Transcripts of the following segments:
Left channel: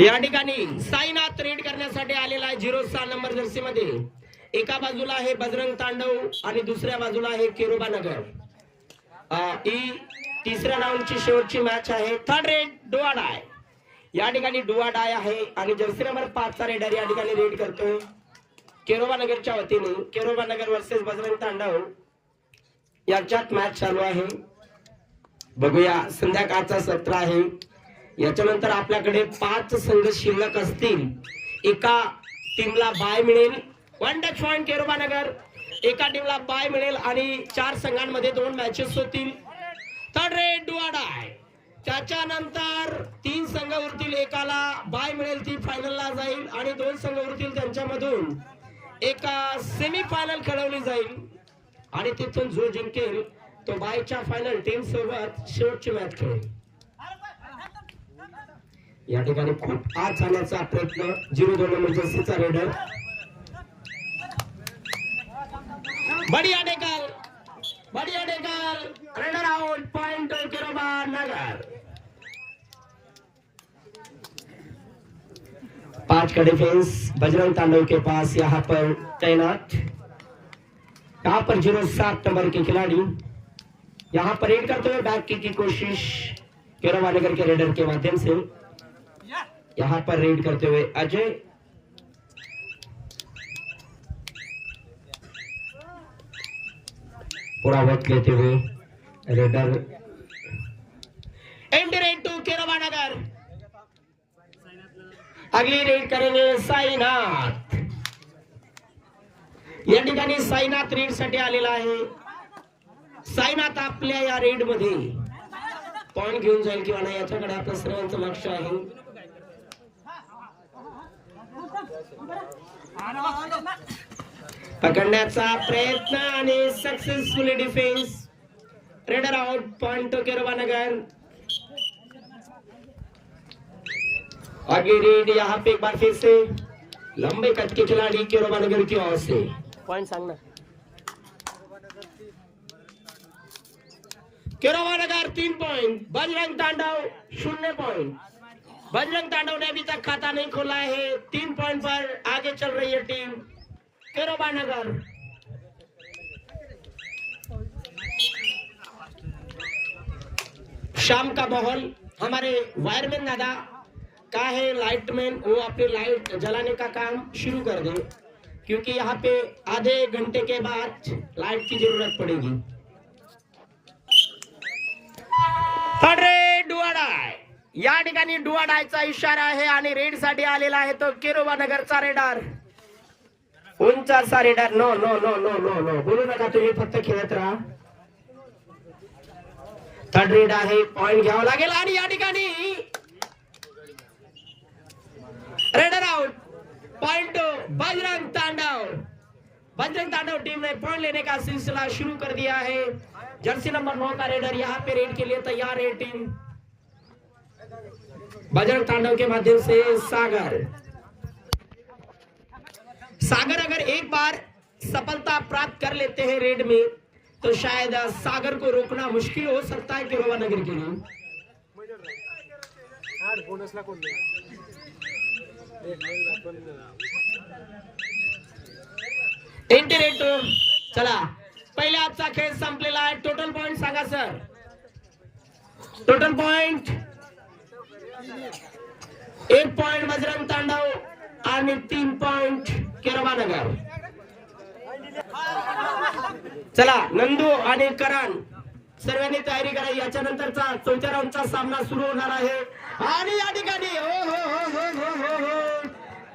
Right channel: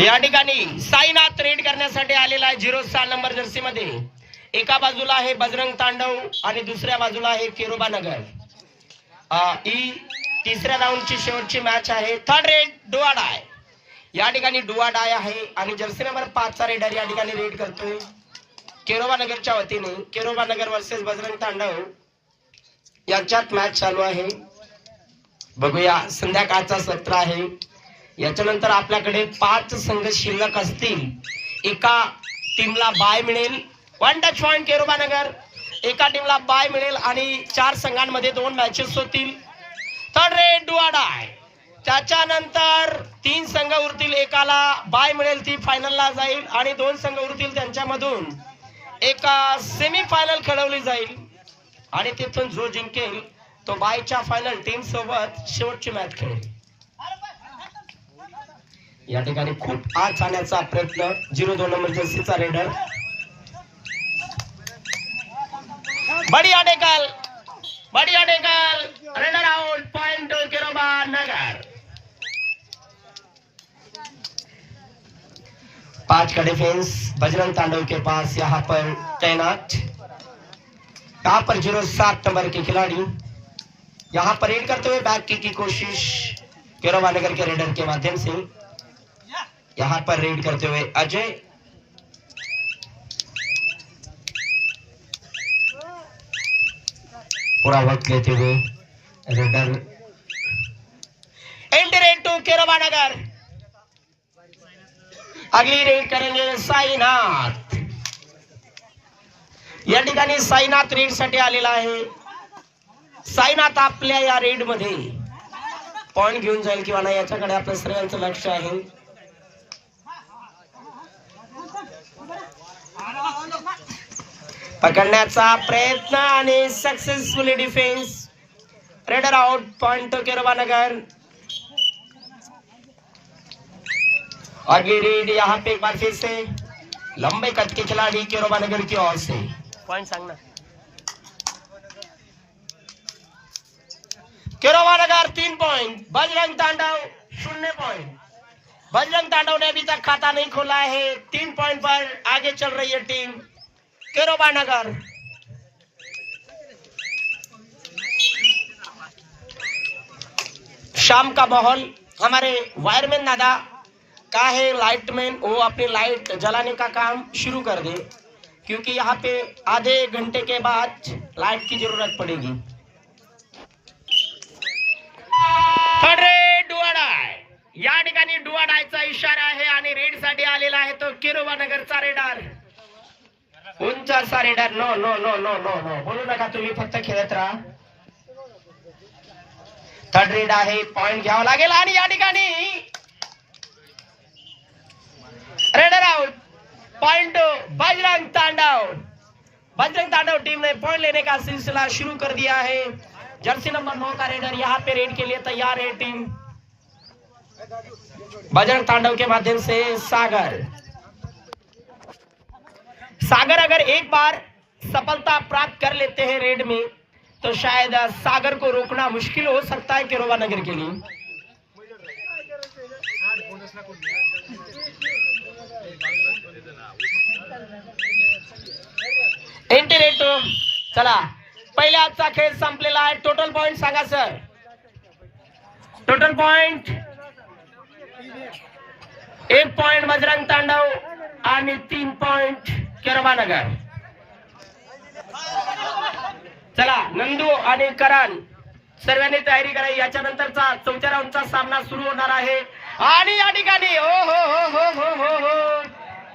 या ठिकाणी साईनाथ रेड करण्यासाठी आलेला आहे 06 नंबर जर्सी मध्ये. एका बाजूला आहे बजरंग तांडव आणि दुसऱ्या बाजूला आहे केरोबा नगर. ही तिसऱ्या राऊंडची शेवटची मॅच आहे. थर्ड रेड डुआ डाय. या ठिकाणी डुआ डाय आहे आणि जर्सी नंबर 5 चा रेडर या ठिकाणी रेड करतोय केरोबा नगरच्या वतीने. केरोबा नगर वर्सेस बजरंग तांडव यांच्यात मॅच चालू आहे. बघूया, संध्याकाळचा सत्र आहे. याच्यानंतर आपल्याकडे 5 संघ शिल्लक असतील. एका टीमला बाय मिळेल. 1 टच पॉइंट केरोबा नगर. एका टीमला बाय मिळेल आणि 4 संघांमध्ये 2 मॅचेस होतील. थर्ड रेड डुआ डाय. त्याच्यानंतर 3 संघ उरतील. एकाला बाय मिळेल, ती फायनलला जाईल आणि 2 संघ उरतील, त्यांच्यामधून एका सेमी फायनल खेळवली जाईल आणि तिथून जो जिंकेल तो बायच्या फायनल टीम सोबत शेवटची मॅच खेळेल. या ठिकाणी खूप आत जाण्याचा प्रयत्न 02 नंबर जर्सीचा रेडर. बढ़िया डेकल रेडर आउट. पॉइंट केरोबा नगर. 5 का डिफेंस बजरंग तांडव के पास यहाँ पर तैनात. यहाँ पर 07 नंबर के खिलाड़ी यहाँ पर रेड करते हुए बैक की कोशिश केरोबा नगर के रेडर के माध्यम से. यहाँ पर रेड करते हुए अजय. पूरा वक्त लेते हुए raider. And raid to Keroba Nagar. अगली रेड करेंगे साईनाथ. या ठिकाणी साईनाथ रेड साठी आलेला आहे. साईनाथ आपल्या या रेड मध्ये पॉइंट घेऊन जाईल किंवा नाही याच्याकडे आपल्या सर्वांचं लक्ष आहे. पकडण्याचा प्रयत्न आणि successfully defence. Raider out. Point तो केरोबा नगर. अगली रेड यहाँ पे एक बार फिर से लंबे कद के खिलाड़ी केरोबा नगर की ओर से. पॉइंट सांगना. केरोबा नगर 3 पॉइंट. बजरंग तांडव 0 पॉइंट. बजरंग तांडव ने अभी तक खाता नहीं खोला है. 3 पॉइंट पर आगे चल रही है टीम केरोबा नगर. शाम का माहौल. हमारे वायरमैन दादा का है लाइटमैन, वो अपनी लाइट जलाने का काम शुरू कर दे क्योंकि यहाँ पे आधे घंटे के बाद लाइट की जरूरत पड़ेगी. थर्ड रेड डुआ डाय. या ठिकाणी डुआ डायचा इशारा आहे आणि रेड साठी आलेला आहे तो केरोबा नगरचा रेडर. उंचाचा raider. No no no no no no बोलू नका तुम्ही, फक्त खेळत राहा. थर्ड रेड आहे. पॉइंट घ्यावा लागेल आणि या ठिकाणी रेडर आउट. पॉइंट बजरंग तांडव. बजरंग तांडव टीम ने पॉइंट लेने का सिलसिला शुरू कर दिया है. जर्सी नंबर 9 का रेडर यहाँ पे रेड के लिए तैयार है टीम. बजरंग तांडव के माध्यम से सागर. सागर अगर एक बार सफलता प्राप्त कर लेते हैं रेड में तो शायद सागर को रोकना मुश्किल हो सकता है केरोबा नगर के लिए. इंटरेटो. चला, पहिल्या आजचा खेळ संपलेला आहे. टोटल पॉइंट सांगा sir. Total point 1 point Bajrang तांडव आणि 3 पॉइंट केरोबा नगर. चला, नंदू आणि करण सर्वांनी तयारी करा. याच्या नंतरचा 4थ्या राऊंडचा सामना सुरू होणार आहे आणि या ठिकाणी हो हो हो हो हो हो हो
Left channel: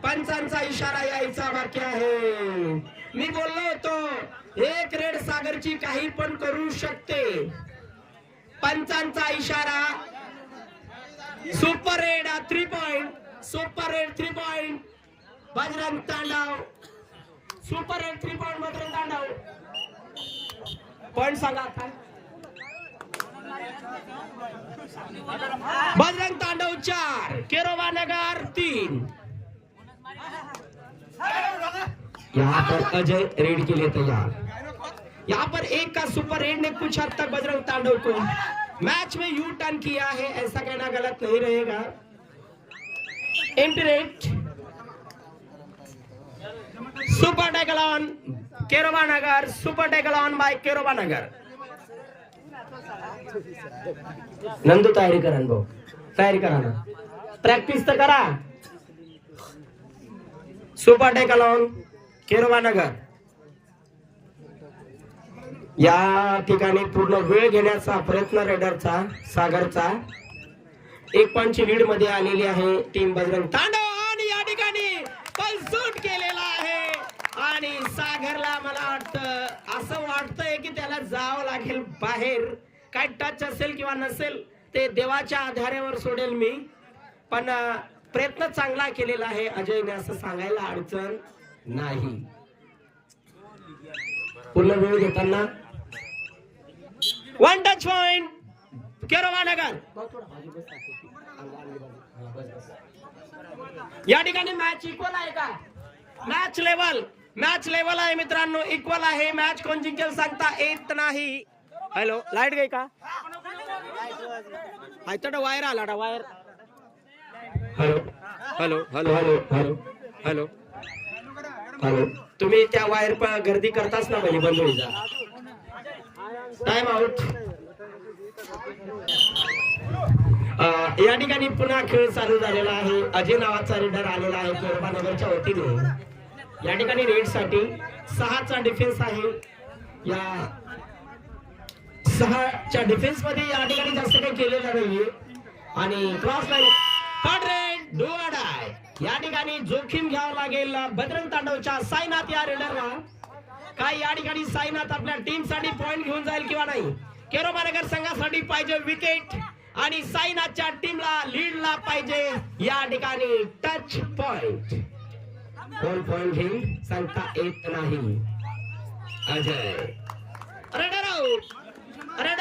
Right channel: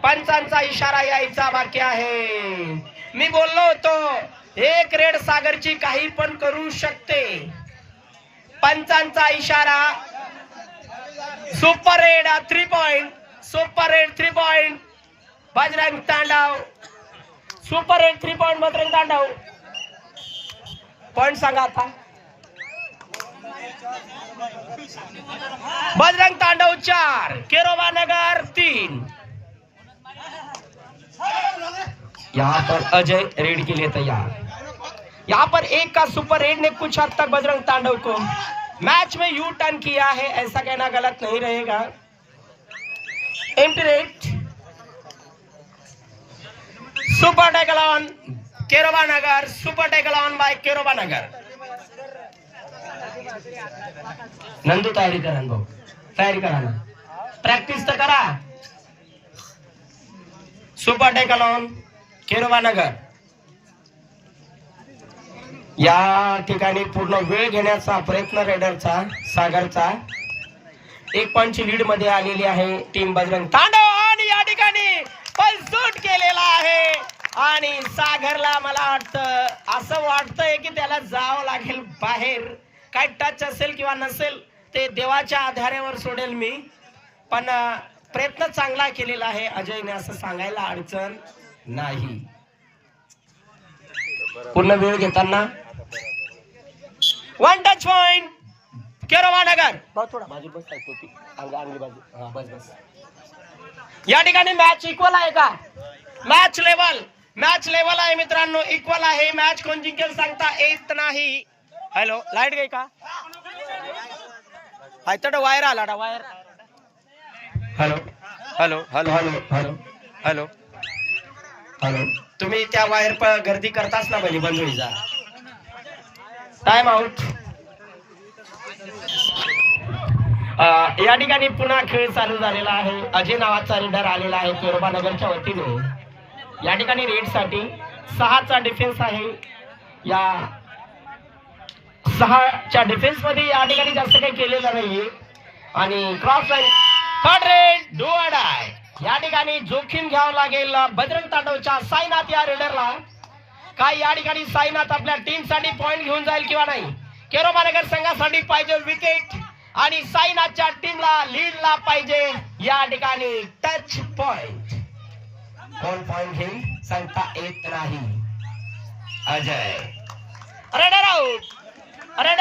पंचांचा इशारा यायचा बाकी आहे. मी बोललो होतो एक रेड सागरची काही पण करू शकते. पंचांचा इशारा. Super raid 3 point. Super raid 3 point Bajrang तांडव. सुपर रेड 3 पॉइंट बजरंग तांडव. पॉइंट सांगा आता. बजरंग तांडव 4 केरोबा नगर 3. यहाँ पर अजय रेड के लिए तैयार. यहाँ पर एक का सुपर रेड ने कुछ हद तक बजरंग तांडव को मैच में यू टर्न किया है, ऐसा कहना गलत नहीं रहेगा। Empty raid, super tackle on Keroba Nagar, super tackle on by Keroba Nagar. Nandu तयारी करा भाऊ, तयारी करा ना, प्रॅक्टिस तर करा। Super tackle on Keroba Nagar. या ठिकाणी पूर्ण वेळ घेण्याचा प्रयत्न रेडरचा, सागरचा। 1 पॉइंटची लीड मध्ये आलेली आहे टीम बजरंग तांडव आणि या ठिकाणी पण शूट केलेला आहे आणि सागरला मला वाटतं असं वाटतंय की त्याला जावं लागेल बाहेर। काय टच असेल किंवा नसेल ते देवाच्या आधारावर सोडेल मी, पण प्रयत्न चांगला केलेला आहे अजयने असं सांगायला अडचण नाही। पूर्ण वेळ घेताना 1 टच पॉइंट केरोबा नगर। थोडा बाजू बस, अंगली बाजू, हां बस बस। या ठिकाणी मॅच इक्वल आहे का? मॅच लेवल आहे मित्रांनो, इक्वल आहे। मॅच कोण जिंकेल सांगता येत नाही। हॅलो, लाईट गई का? आयतड वायर आला ना, wire. Hello hello hello hello hello hello hello, तुम्ही त्या वायर पर गर्दी करताच ना बनी, बंद होईल जा। Time out. या ठिकाणी पुन्हा खेळ चालू झालेला आहे। अजय नावाचा रेडर आलेला आहे केरोबा नगरच्या वतीने। या ठिकाणी रेड साठी 6चा डिफेन्स आहे। या 6च्या डिफेन्स मध्ये या ठिकाणी जास्त काही केलेलं नाहीये आणि cross line third red do और डाय। या ठिकाणी जोखीम घ्यावं लागेल बजरंग तांडवच्या साईनाथ या रेडरला। काय या ठिकाणी साईनाथ आपल्या टीम साठी पॉइंट घेऊन जाईल किंवा नाही? केरोबा नगर संघासाठी पाहिजे विकेट आणि साईनाथच्या टीमला लीडला पाहिजे या ठिकाणी टच पॉइंट। कोण पॉइंट घेईल सांगता येत नाही। Ajay raider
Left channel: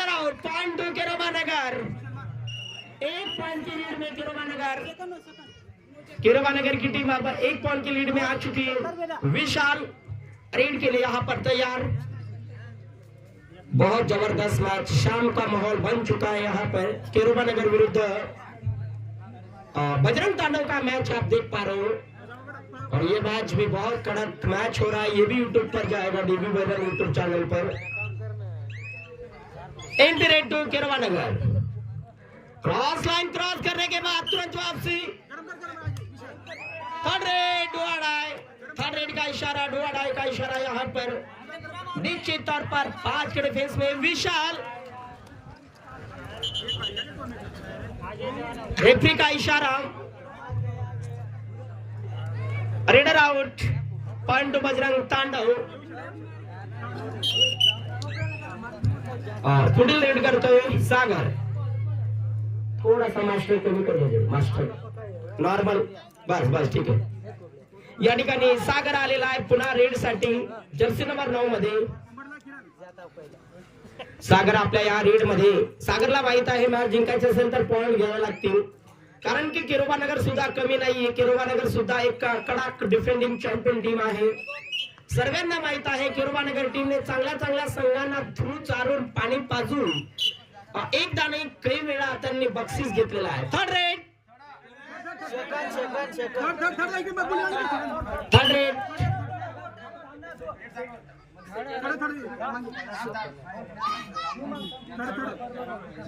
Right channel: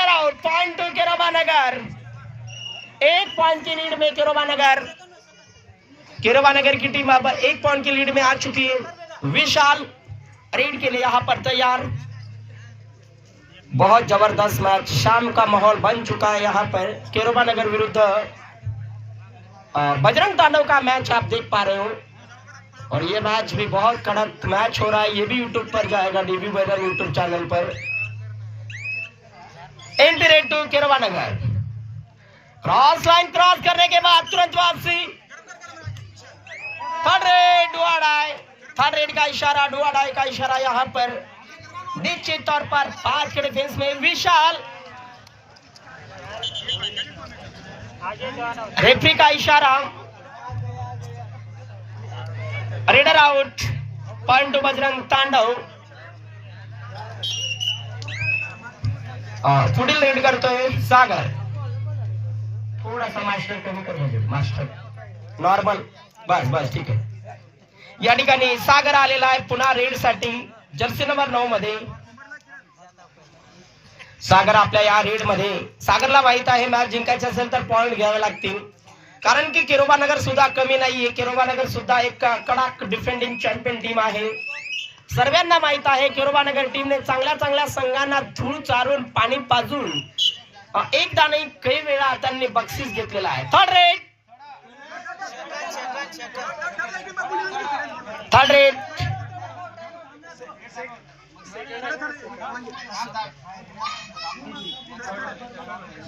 out, point to Keroba Nagar. 1 point की लीड में केरोबा नगर की टीम अब 1 पॉइंट की लीड में आ चुकी है। विशाल रेड के लिए यहाँ पर तैयार। बहुत जबरदस्त मैच, शाम का माहौल बन चुका है यहाँ पर। केरोबा नगर विरुद्ध बजरंग तांडव का मैच आप देख पा रहे हो और ये मैच भी बहुत कड़क मैच हो रहा है। ये भी यूट्यूब पर जाएगा, डीबी बैनर यूट्यूब चैनल पर। Entry raid to Keroba Nagar. Cross line cross करने के बाद तुरंत वापसी। थर्ड रेड डुआडाई, थर्ड रेड का इशारा, डुआडाई का इशारा यहाँ पर। निश्चित तौर पर 5 के डिफेंस में विशाल, रेफरी का इशारा। Raider out, point to Bajrang तांडव। पुढील रेड करतोय सागर। थोडासा मास्टर कमी कर, म्हणजे मास्टर नॉर्मल, बस बस ठीक आहे। या ठिकाणी सागर आलेला आहे पुन्हा रेड साठी, जर्सी नंबर 9 मध्ये सागर आपल्या या रेड मध्ये। सागरला माहित आहे मॅच जिंकायची असेल तर पॉइंट घ्यावे लागतील, कारण की केरोबा नगर सुद्धा कमी नाहीये। केरोबा नगर सुद्धा एक कडक डिफेंडिंग चॅम्पियन टीम आहे। सर्वांना माहित आहे केरोबा नगर टीमने चांगल्या संघांना धूळ चारून पाणी पाजून एकदा नाही काही वेळा त्यांनी बक्षीस घेतलेला आहे। Third red, third red,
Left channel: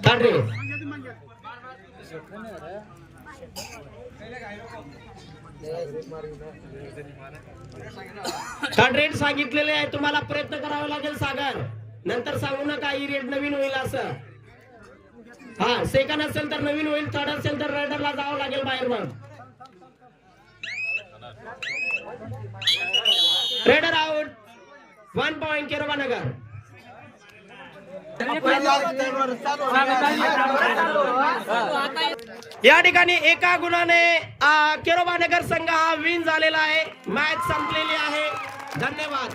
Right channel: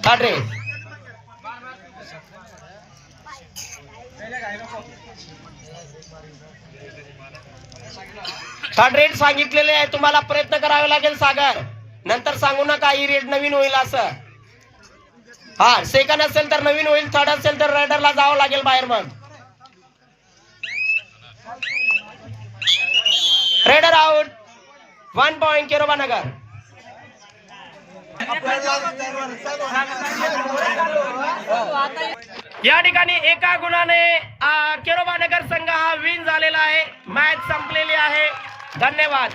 third red. Third red सांगितलेले आहे तुम्हाला, प्रयत्न करावे लागेल सागर, नंतर सांगू नका ही रेड नवीन होईल असं। हा सेकंड असेल तर नवीन होईल, थर्ड असेल तर रेडरला जावं लागेल बाहेर। मग रेडर आउट, 1 पॉइंट केरोबा नगर। या ठिकाणी एका गुणाने केरोबा नगर संघ हा विन झालेला आहे। मॅच संपलेली आहे। धन्यवाद।